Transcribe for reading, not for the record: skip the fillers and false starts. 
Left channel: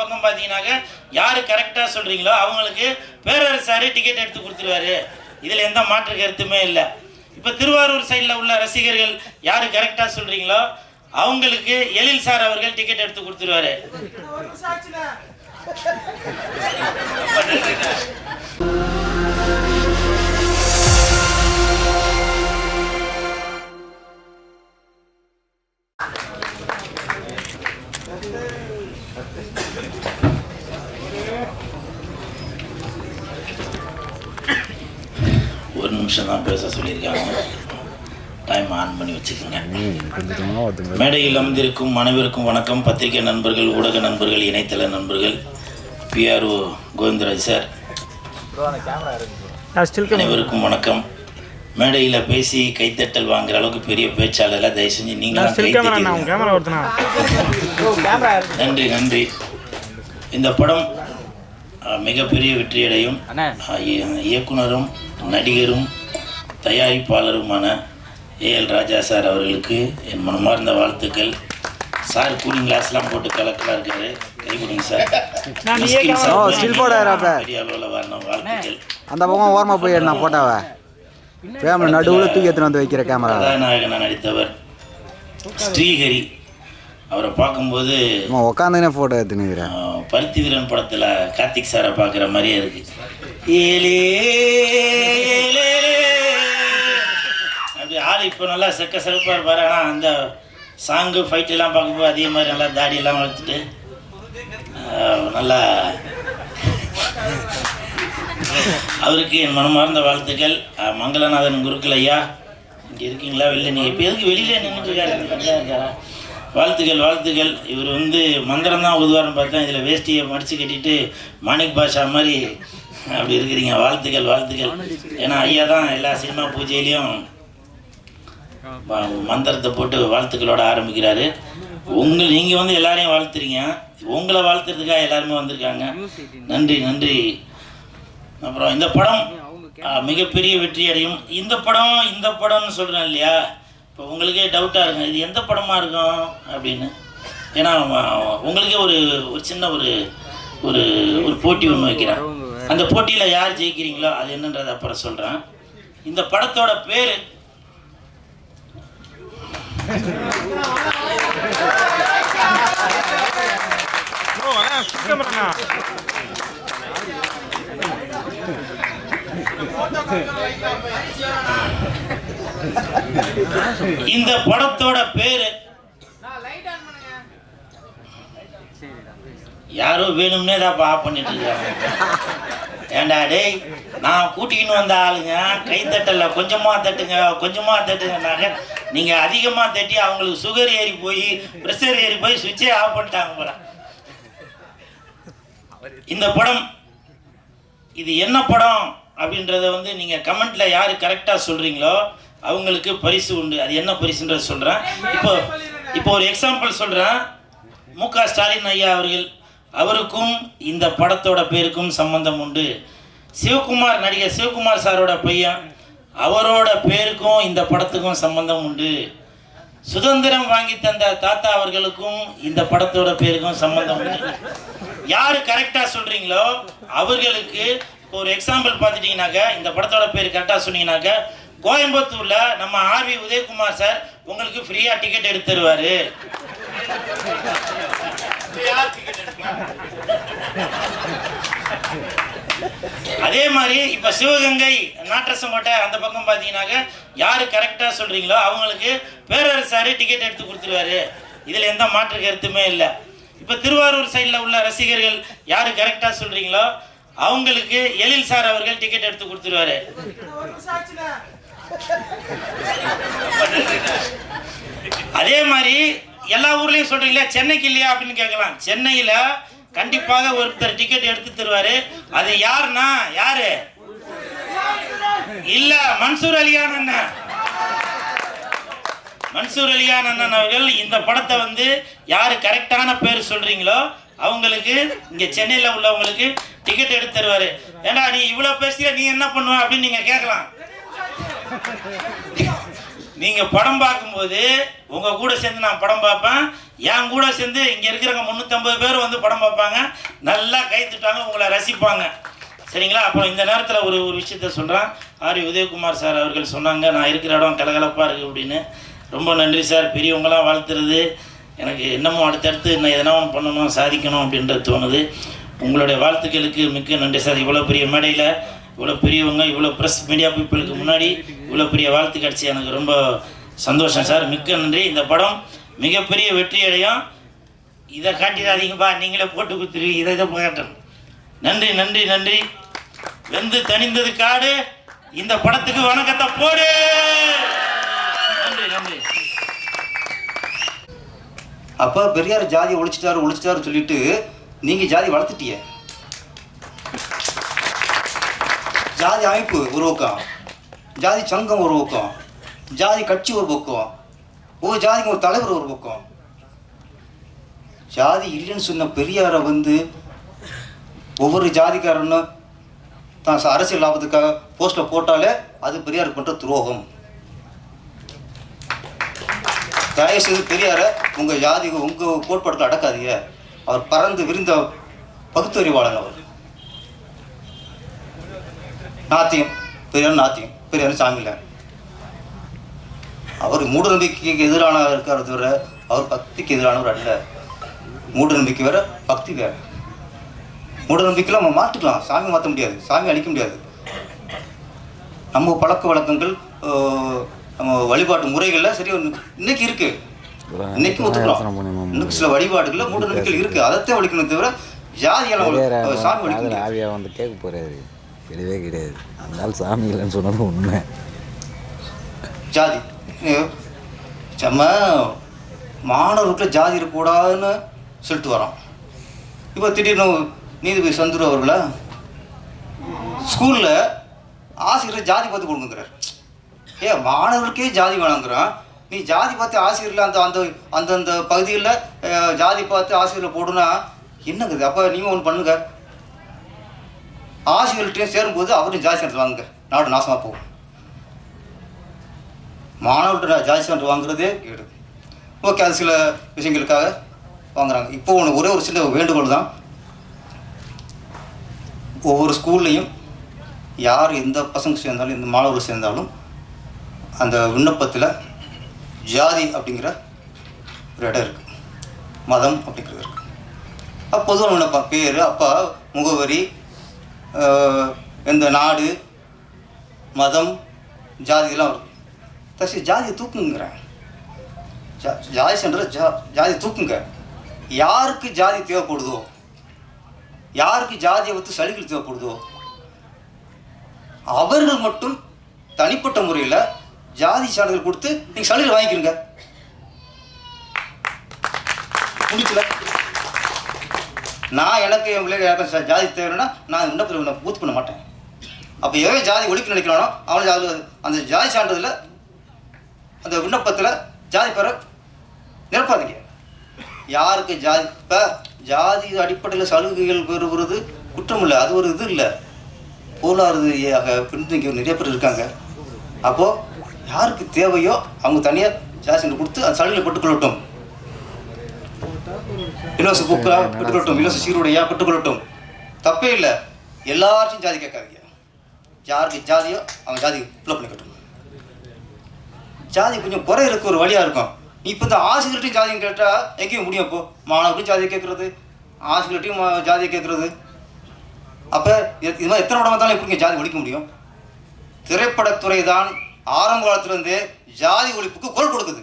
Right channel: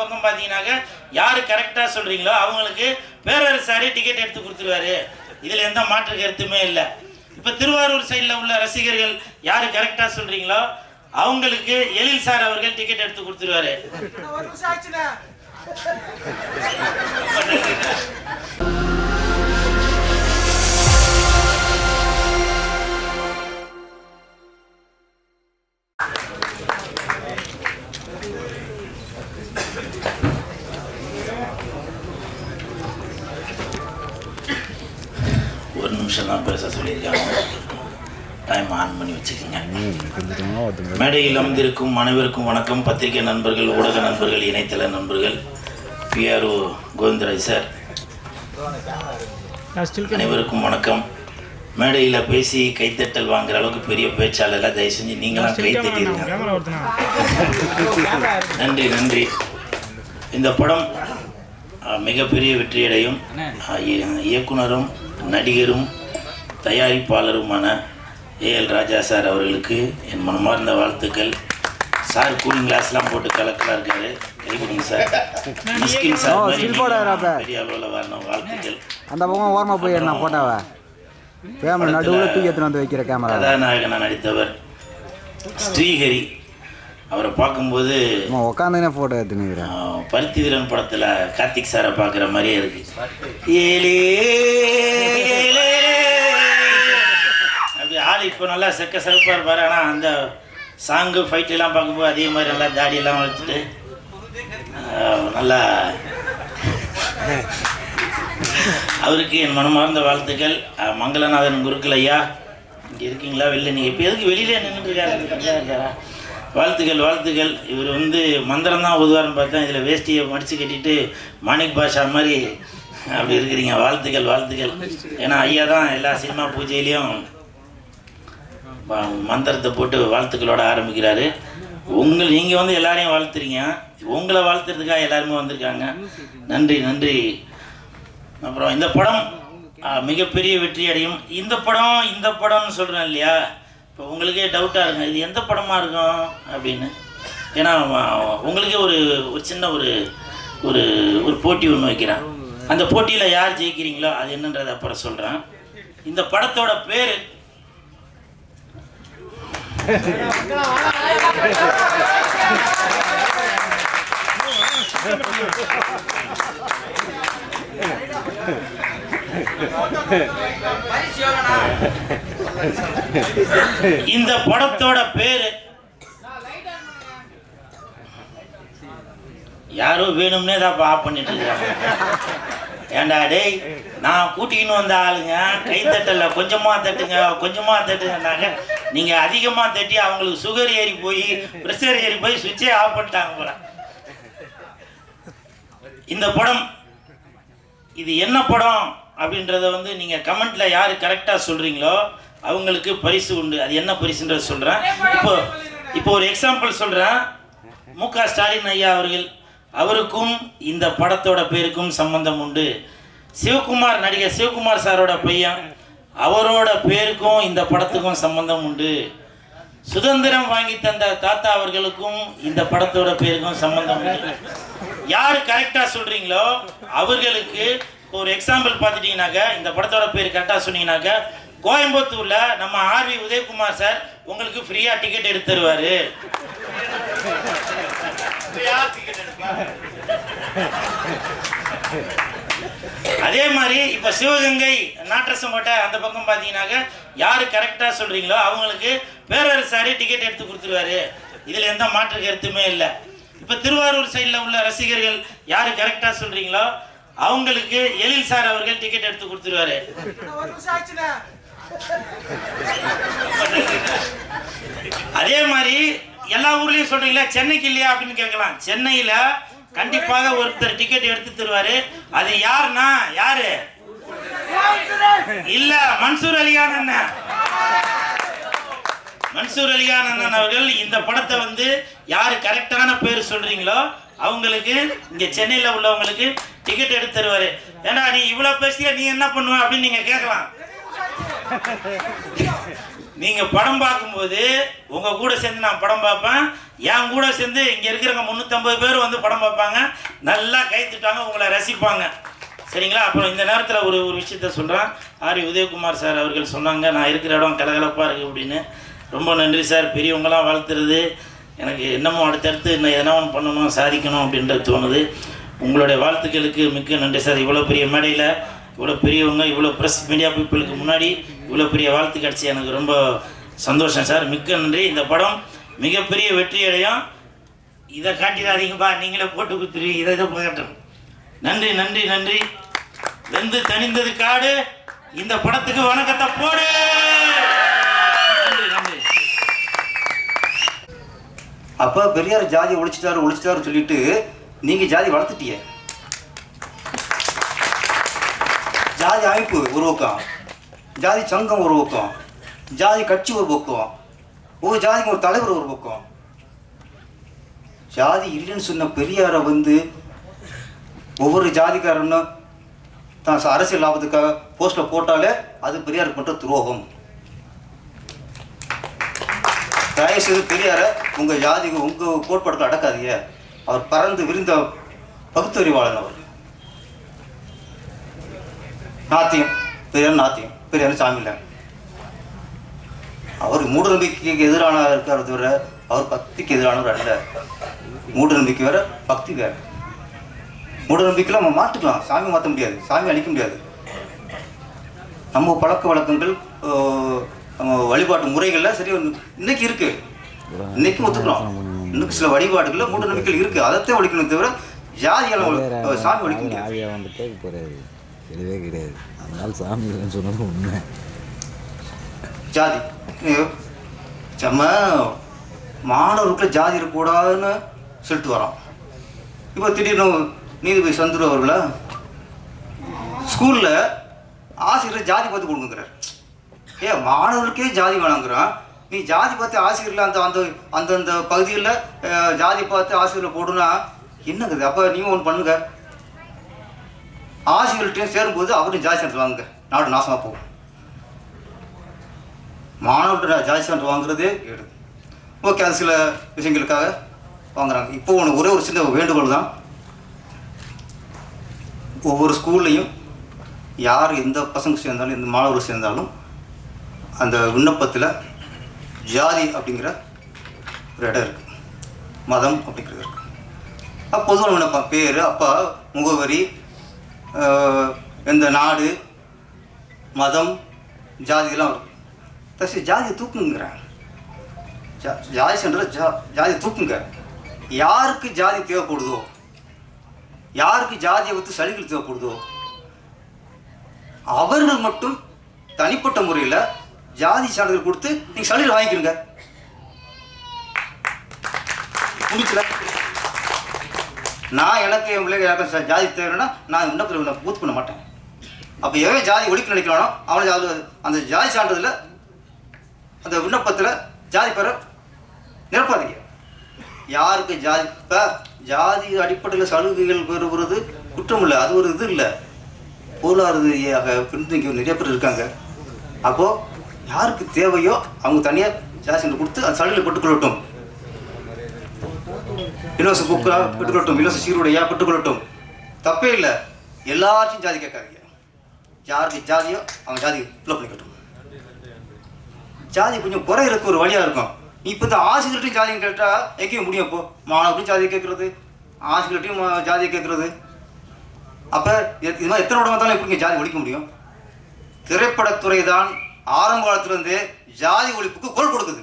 பக்கம் பார்த்தீங்கன்னாக்க யார் கரெக்டாக சொல்கிறீங்களோ அவங்களுக்கு பேரரசாரே டிக்கெட் எடுத்து கொடுத்துருவாரு. இதில் எந்த மாற்று கருத்துமே இல்லை. இப்போ திருவாரூர் சைடில் உள்ள ரசிகர்கள் யார் கரெக்டாக சொல்கிறீங்களோ அவங்களுக்கு எழில் சார் அவர்கள் டிக்கெட் எடுத்து கொடுத்துருவாரு. ஒரு நிமிஷம் தான் பேச சொல்லியிருக்காங்க. டைம் ஆன் பண்ணி வச்சுக்கோங்க. மேடையில் அமர்ந்திருக்கும் அனைவருக்கும் வணக்கம். பத்திரிகை நண்பர்கள், ஊடக நண்பர்கள், இணையதள நண்பர்கள், PRO கோவிந்தராஜ் சார் அனைவருக்கும் வணக்கம். மேடையில் பேசி கைத்தட்டல் வாங்குற அளவுக்கு பெரிய பேச்சாளர் தயவு செஞ்சு நீங்களும் கைத்தட்டி. நன்றி நன்றி. இந்த படம் மிகப்பெரிய வெற்றியடையும். இயக்குனரும் நடிகரும் தயாரிப்பாளருமான AL ராஜா சார் அவர்களுக்கு என் மனமார்ந்த வாழ்த்துக்கள். சார் கூலிங் கிளாஸ்லாம் போட்டு கலக்கலாக இருக்காரு. கை கொடுங்க சார். பெரிய அளவில் வரணும். வாழ்த்துக்கள். அந்த பக்கம் ஓரமாக போய் என்ன போட்டாவா கேமரா நடுவில் தூக்கி எடுத்துன்னு வந்து வைக்கிற கேமரா. கதாநாயகனாக நடித்தவர் ஸ்ரீஹரி. அவரை பார்க்கும்போது உட்காந்துனே ஃபோட்டோ எடுத்துனுக்கிறேன். பருத்தி வீரன் படத்தில் கார்த்திக் சாரை பார்க்குற மாதிரியே இருக்கு. அப்படி ஆள் இப்போ நல்லா செக்க சிறப்பாக இருப்பார். ஆனால் அந்த சாங்கு ஃபைட்டெல்லாம் பார்க்கும்போது அதே மாதிரி நல்லா தாடியெல்லாம் வளர்த்துட்டு நல்லா அவருக்கு என் மனமார்ந்த வாழ்த்துக்கள். மங்களநாதன் குருக்கள் ஐயா இங்கே இருக்கீங்களா? வெளில நீங்கள் இப்போ எதுக்கு வெளியில் நின்றுருக்காரு? வாழ்த்துக்கள் வாழ்த்துக்கள். இவர் மந்திரம் தான் உதுவார்னு பார்த்தா இதில் வேஷ்டியை மடித்து கட்டிட்டு மாணிக் பாஷா மாதிரி அப்படி இருக்கிறீங்க. வாழ்த்துக்கள் வாழ்த்துக்கள். ஏன்னா ஐயா தான் எல்லா சினிமா பூஜையிலையும் மந்திரத்தை போட்டு வாழ்த்துக்களோட ஆரம்பிக்கிறாரு. நீங்கள் எல்லாரையும் வாழ்த்துறீங்க. உங்களை வாழ்த்துறதுக்காக எல்லாருமே வந்திருக்காங்க. நன்றி நன்றி. அப்புறம் இந்த படம் மிகப்பெரிய வெற்றி அடையும். இந்த படம்னு சொல்கிறேன் இல்லையா? இப்போ உங்களுக்கே டவுட்டாக இருக்கும் இது எந்த படமாக இருக்கும் அப்படின்னு. ஏன்னா உங்களுக்கே ஒரு சின்ன ஒரு போட்டி ஒன்று வைக்கிறேன். அந்த போட்டியில் யார் ஜெயிக்கிறீங்களோ அது என்னன்றதை அப்புறம் சொல்கிறேன். இந்த படத்தோட பேர் இந்த படத்தோட பேரு யாரோ வேணும்னே தான் ஆஃப் பண்ணிட்டு இருக்காங்க. ஏண்டா டேய், நான் கூட்டின்னு வந்த ஆளுங்க கைத்தட்டல கொஞ்சமா தட்டுங்கன்னாங்க. நீங்க அதிகமா தட்டி அவங்களுக்கு சுகர் ஏறி போய் பிரஷர் ஏறி போய் சுவிட்சே ஆஃப் பண்ணிட்டாங்க போல. இந்த படம் இது என்ன படம் அப்படின்றத நீங்க கமெண்ட்ல யாரு கரெக்டா சொல்றீங்களோ அவங்களுக்கு பரிசு உண்டு. அது என்ன பரிசுன்றத சொல்றேன். இப்போ ஒரு எக்ஸாம்பிள் சொல்றேன். MK ஸ்டாலின் ஐயா அவருக்கும் இந்த படத்தோட பேருக்கும் சம்பந்தம் உண்டு. நடிகர் சிவகுமார் சாரோட பையன் அவரோட பேருக்கும் இந்த படத்துக்கும் சம்பந்தம் உண்டு. சுதந்திரம் வாங்கி தந்த தாத்தா அவர்களுக்கும் இந்த படத்தோட பேருக்கும் சம்பந்தம் உண்டு. யாரு கரெக்டா சொல்றீங்களோ அவர்களுக்கு ஒரு எக்ஸாம்பிள் பார்த்துட்டீங்கன்னாக்க இந்த படத்தோட பேர் கரெக்டா சொன்னீங்கன்னாக்க கோயம்புத்தூர்ல நம்ம RV உதயகுமார் சார் உங்களுக்கு ஃப்ரீயா டிக்கெட் எடுத்து தருவாரு. அதே மாதிரி இப்ப சிவகங்கை நாட்டரசங்கோட்டை அந்த பக்கம் பாத்தீங்கன்னாக்க யாரு கரெக்டா சொல்றீங்களோ அவங்களுக்கு பேரரசாரே டிக்கெட் எடுத்து கொடுத்துருவாரு. இதுல எந்த மாற்று கருத்துமே இல்லை. இப்ப திருவாரூர் சைடில் உள்ள ரசிகர்கள் யாரு கரெக்டா சொல்றீங்களோ அவங்களுக்கு எழில் சார் அவர்கள் டிக்கெட் எடுத்து கொடுத்துருவாரு. அதே மாதிரி எல்லா ஊர்லயும் சொல்றீங்களா சென்னைக்கு இல்லையா அப்படின்னு கேட்கலாம். சென்னையில கண்டிப்பாக ஒருத்தர் டிக்கெட் எடுத்து தருவாரு. அது யாருன்னா யாரு இல்ல மன்சூர் அலிகான் அண்ணன். மன்சூர் அலிகான் அண்ணன் அவர்கள் இந்த படத்தை யாரு கரெக்டான பேர் சொல்றீங்களோ அவங்களுக்கு இங்க சென்னையில உள்ளவங்களுக்கு டிக்கெட் எடுத்து தருவாரு. ஏண்டா நீ இவ்வளவு பேசிய நீ என்ன பண்ணுவ அப்படின்னு நீங்க கேட்கலாம். நீங்கள் படம் பார்க்கும்போது உங்கள் கூட சேர்ந்து நான் படம் பார்ப்பேன், என் கூட சேர்ந்து இங்கே இருக்கிறவங்க 350 பேர் வந்து படம் பார்ப்பாங்க, நல்லா கைத்துட்டாங்க, உங்களை ரசிப்பாங்க. சரிங்களா? அப்புறம் இந்த நேரத்தில் ஒரு விஷயத்த சொல்கிறேன். ஆர் உதயகுமார் சார் அவர்கள் சொன்னாங்க, நான் இருக்கிற இடம் கலகலப்பாக இருக்குது அப்படின்னு. ரொம்ப நன்றி சார். பெரியவங்களாம் வாழ்த்துறது எனக்கு என்னமோ அடுத்தடுத்து இன்னும் எதனா ஒன்று பண்ணணும், சாதிக்கணும் அப்படின்றது தோணுது. உங்களுடைய வாழ்த்துக்களுக்கு மிக்க நன்றி சார். இவ்வளோ பெரிய மேடையில் இவ்வளோ பெரியவங்க, இவ்வளோ ப்ரெஸ் மீடியா பீப்புளுக்கு முன்னாடி இவ்வளோ பெரிய வாழ்த்து கிடச்சி எனக்கு ரொம்ப சந்தோஷம் சார். மிக்க நன்றி. இந்த படம் மிகப்பெரிய வெற்றி அடையும். இதை காட்டிடாதீங்கப்பா, நீங்களே போட்டு கொடுத்துருவீங்க. இதை காட்டணும். நன்றி நன்றி நன்றி. வெந்து தணிந்தது காடு. இந்த படத்துக்கு வணக்கத்தை போடு. நன்றி நன்றி. அப்போ பெரியார் ஜாதியை ஒழிச்சிட்டாரு சொல்லிட்டு நீங்கள் ஜாதி வளர்த்துட்டீங்க. ஜாதி அமைப்பு ஒரு பக்கம், ஜாதி சங்கம் ஒரு பக்கம், ஜாதி கட்சி ஒரு பக்கம், ஒரு ஜாதிக்கு ஒரு தலைவர் ஒரு பக்கம். ஜாதி இல்லைன்னு சொன்ன பெரியாரை வந்து ஒவ்வொரு ஜாதிக்காரனும் தான் அரசியல் லாபத்துக்காக போஸ்ட்டில் போட்டாலே அது பெரியார் பண்ணுற துரோகம். தயவுசெய்து பெரியாரை உங்கள் ஜாதி உங்கள் கோட்பாடுகள் அடக்காதீங்க. அவர் பறந்து விரிந்த பகுத்தறிவாளன். அவர் நாத்தியம், பெரியார் சாமி இல்லை. அவர் மூட நம்பிக்கைக்கு எதிரானவர் இருக்கிறத தவிர அவர் பக்திக்கு எதிரானவர் அல்ல. மூட நம்பிக்கை வேற, பக்தி வேற. மூட நம்பிக்கையில் நம்ம மாற்றிக்கலாம், சாமி மாற்ற முடியாது, சாமி அழிக்க முடியாது. நம்ம பழக்க வழக்கங்கள், நம்ம வழிபாட்டு முறைகள்ல சரி இன்னைக்கு இருக்கு, இன்னைக்கு ஒத்துக்கலாம். இன்னைக்கு சில வழிபாடுகள்ல மூட நம்பிக்கைகள் இருக்கு, அதைத்தான் ஒழிக்கணும் தவிர ஜாதியால சாமி ஒழிக்கணும். ஆவியா வந்து கேட்க போறாரு, கிடையவே கிடையாது. அதனால சாமி இல்லைன்னு சொன்னது உண்மை. ஜாதி நம்ம மாணவர்களுக்கு ஜாதி இருக்கக்கூடாதுன்னு சொல்லிட்டு வரோம். இப்போ திடீர்னு நீதிபதி சந்துரு அவர்கள ஸ்கூலில் ஆசிரியர் ஜாதி பார்த்து கொடுக்குறார். மாணவர்களுக்கே ஜாதி வேணாங்கிறான், நீ ஜாதி பார்த்து ஆசிரியரில் அந்தந்த பகுதிகளில் ஜாதி பார்த்து ஆசிரியரில் போடுனா என்னங்குது? அப்போ நீங்கள் ஒன்று பண்ணுங்க, ஆசிரியர்கிட்டையும் சேரும்போது அவரும் ஜாதி சான்றிதழ் வாங்குங்க, நாடு நாசமாக போகும். மாணவர்கிட்ட ஜாதி சான்றிதழ் வாங்குறதே கேடு. ஓகே, அது சில விஷயங்களுக்காக வாங்குறாங்க. இப்போ ஒரே ஒரு சின்ன வேண்டுகோள் தான், ஒவ்வொரு ஸ்கூல்லையும் யார் எந்த பசங்க சேர்ந்தாலும் எந்த மாணவர்கள் சேர்ந்தாலும் அந்த விண்ணப்பத்தில் ஜாதி அப்படிங்கிற ஒரு இடம் இருக்குது, மதம் அப்படிங்கிறது இருக்குது. அப்போ பொதுவான விண்ணப்பம் பேர், அப்பா, முகவரி, எந்த நாடு, மதம், ஜாதியெல்லாம் வரும். தசி ஜாதியை தூக்குங்கிறேன், ஜாதி சென்ற ஜாதியை தூக்குங்க. யாருக்கு ஜாதி தேவைப்படுதோ, யாருக்கு ஜாதியை பற்றி சலுகைகள் தேவைப்படுதோ அவர்கள் மட்டும் தனிப்பட்ட முறையில் ஜாதி சான்றிதழ் கொடுத்து நீங்கள் சலுகை வாங்கிக்கிறீங்க. முடிக்கல, நான் எனக்கு என் பிள்ளைங்க ஜாதி தேவைன்னா நான் விண்ணப்பத்தில் பூர்த்தி பண்ண மாட்டேன். அப்போ எவன் ஜாதி ஒழிக்க நினைக்கிறானோ அவனுக்கு அந்த ஜாதி சான்றிதழில் அந்த விண்ணப்பத்தில் ஜாதி பெற நிரப்பாதீங்க. யாருக்கு ஜாதி, இப்போ ஜாதி அடிப்படையில் சலுகைகள் பெறுவது குற்றம் இல்லை, அது ஒரு இது இல்லை. பொருளாதார ரீதியாக பின்தங்கி நிறைய பேர் இருக்காங்க. அப்போது யாருக்கு தேவையோ அவங்க தனியாக ஜாதி சான்றிதழ் கொடுத்து அந்த சலுகையில் பெற்றுக்கொள்ளட்டும். இலவச புக்கா பெற்றுக்கொள்ளட்டும், இலவச சீருடையா பெற்றுக்கொள்ளட்டும், தப்பே இல்லை. எல்லாத்தையும் ஜாதி கேட்காதீங்க. யாருக்கு ஜாதியோ அவங்க ஜாதி ஃபில்லப் பண்ணிக்கட்டும். ஜாதி கொஞ்சம் குறை இருக்க ஒரு வழியாக இருக்கும். நீ இப்போ இந்த ஆசிரியர்கிட்டையும் ஜாதியும் கேட்டால் எங்கேயும் முடியும். இப்போ மாணவர்களையும் ஜாதியை கேட்குறது, ஆசிரியர்கிட்டையும் ஜாதியை கேட்குறது. அப்போ இது மாதிரி எத்தனை இடம் வந்தாலும் எப்படிங்க ஜாதி ஒழிக்க முடியும்? திரைப்படத்துறை தான் ஆரம்ப காலத்துலேருந்தே ஜாதி ஒழிப்புக்கு குரல் கொடுக்குது.